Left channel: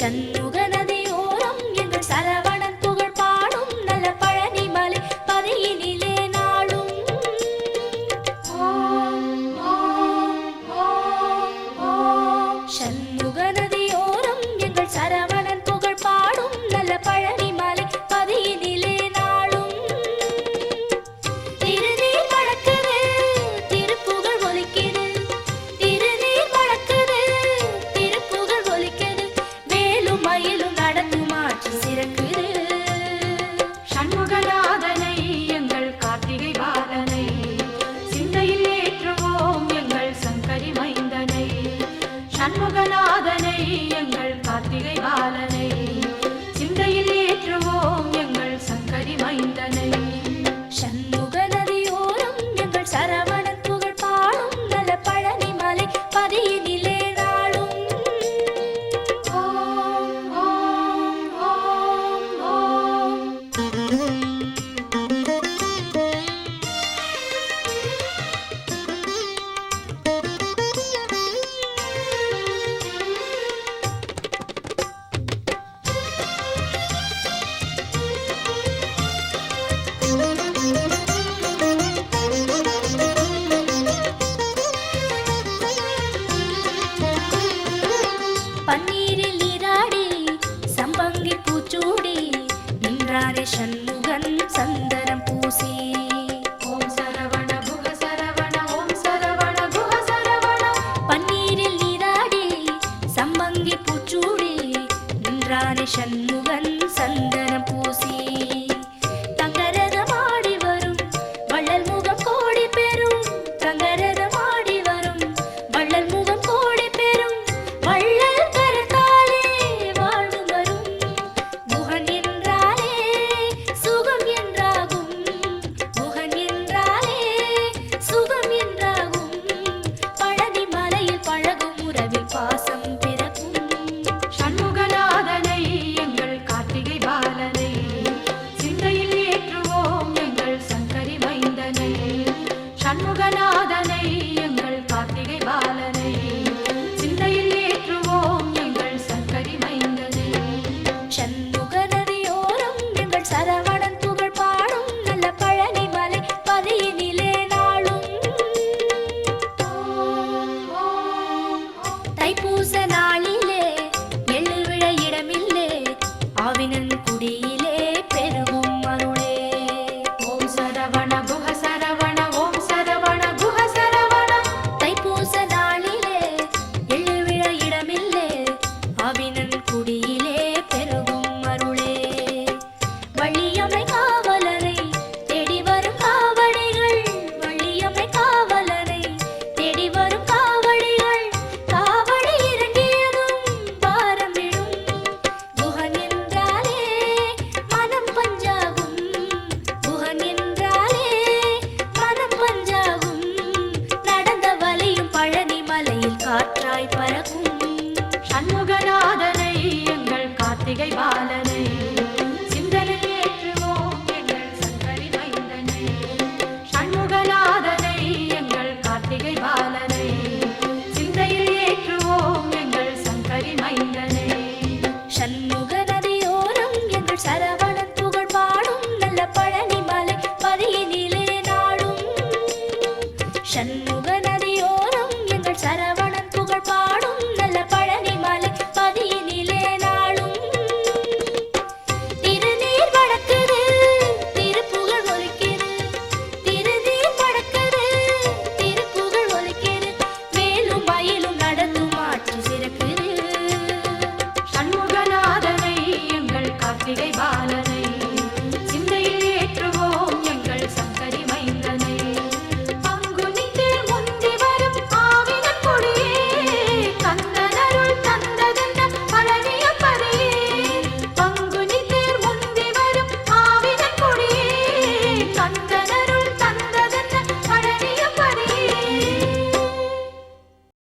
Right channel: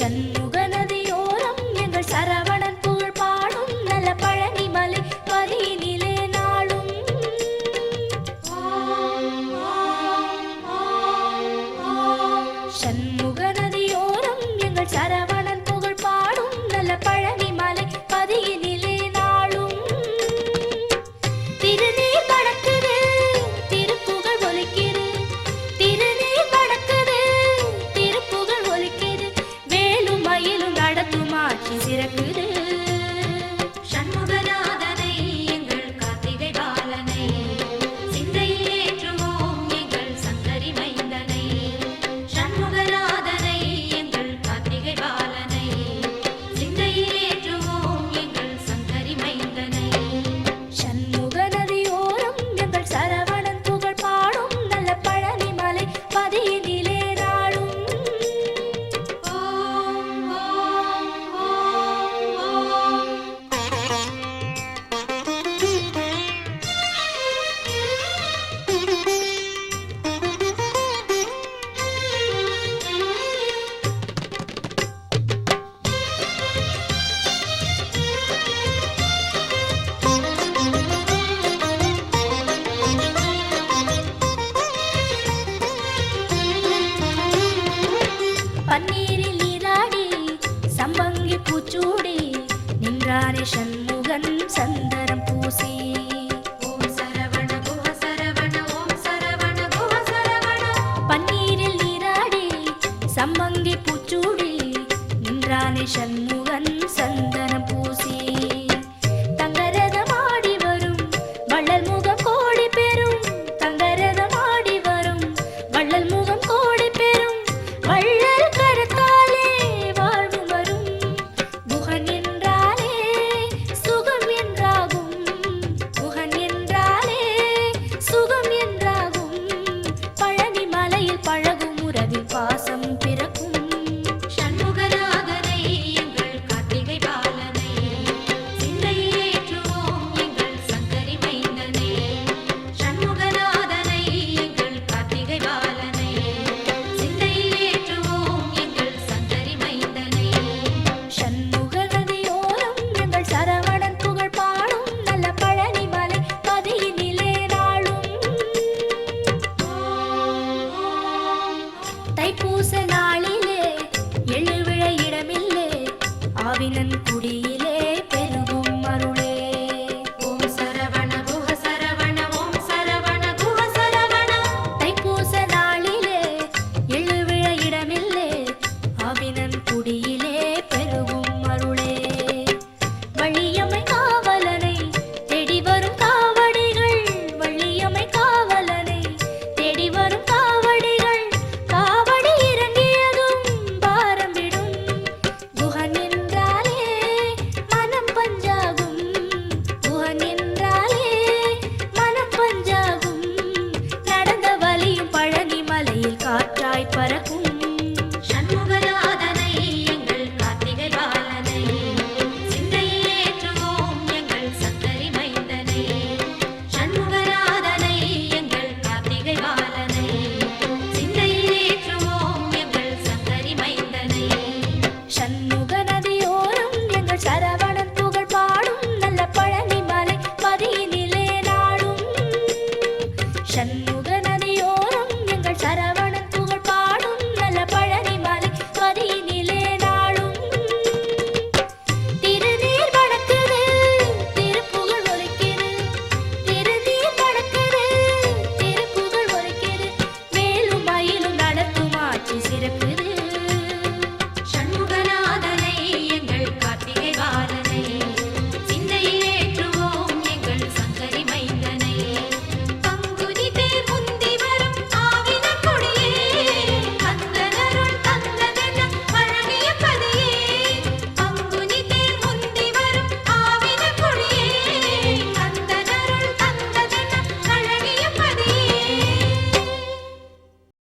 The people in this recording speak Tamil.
சண்முக நதியோரம் எங்கள் சரவணன் புகழ் பாடும் நல பழனி மலை பதியினிலே நாளும் சண்முக நதியோரம் எங்கள் சரவணன் புகழ் பாடும் நல பழனி மலை பதியினிலே நாளும் திருநீர் மணக்குது திருப்புகழ் ஒலிக்குது திருநீர் மணக்குது திருப்புகழ் ஒலிக்குது வேலும் மயிலும் நடத்தும் ஆட்சி சிறக்குது சண்முகநாதனை எங்கள் கார்த்திகை பாலனை சிந்தையில் ஏற்றுவோம் எங்கள் சங்கரி மைந்தனை சண்முகநாதனை எங்கள் கார்த்திகை பாலனை சிந்தையில் ஏற்றுவோம் எங்கள் சங்கரி மைந்தனை சண்முக நதியோரம் எங்கள் சரவணன் புகழ் பாடும் நல பழனி மலை பதியினிலே நாளும் ஓம் ஓம் ஓம் ஓம் பன்னீரில் நீராடி சம்பங்கி பூச்சூடி நின்றாரே சண்முகன் சந்தனம் பூசி ஓம் சரவண குஹ சரவண ஓம் சரவண குஹ சரவண பன்னீரில் நீராடி சம்பங்கி பூச்சூடி நின்றாரே சண்முகன் சந்தனம் பூசி தங்கரதமாடி வரும் வள்ளல் முகம் கோடி பெறும் தங்கரதமாடி வரும் வள்ளல் முகம் கோடி பெறும் வள்ளல் கரத்தாலே வாழ்வு வரும் குகன் என்றாலே சுகம் என்றாகும் குகன் என்றாலே சுகம் என்றாகும் பழனி மலையில் பழகும் உறவில் பாசம் பிறக்கும் சண்முகநாதனை எங்கள் கார்த்திகை பாலனை சிந்தையில் ஏற்றுவோம் எங்கள் சங்கரி மைந்தனை சண்முகநாதனை எங்கள் கார்த்திகை பாலனை சிந்தையில் ஏற்றுவோம் எங்கள் சங்கரி மைந்தனை சண்முக நதியோரம் எங்கள் சரவணன் புகழ் பாடும் நல்ல பழனி மலை பதியினிலே நாளும் தைப்பூச நாளிலே எழுவிழ இடமில்லே ஆவினன் குடியிலே பெருகும் அருளே ஓம் சரவண குஹ சரவண ஓம் சரவண குஹ சரவண தைப்பூச நாளிலே எழுவிழ இடமில்லே ஆவினன் குடியிலே பெருகும் அருளே வள்ளியம்மை காவலனை தேடி வரும் காவடிகள் வள்ளியம்மை காவலனை தேடி வரும் காவடிகள் காவடி இறங்கியதும் பாரம் விடும் குகன் என்றாலே மனம் பஞ்சாகும் குகன் என்றாலே மனம் பஞ்சாகும் நடந்த வலியும் பழனி மலையில் காற்றாய் பறக்கும் சண்முகநாதனை எங்கள் கார்த்திகை பாலனை சிந்தையில் ஏற்றுவோம் எங்கள் சங்கரி மைந்தனை சண்முகநாதனை எங்கள் கார்த்திகை பாலனை சிந்தையில் ஏற்றுவோம் எங்கள் சங்கரி மைந்தனை சண்முக நதியோரம் எங்கள் சரவணன் புகழ் பாடும் நல்ல பழனி மலை பதியினிலே நாளும் சண்முக நதியோரம் எங்கள் சரவணன்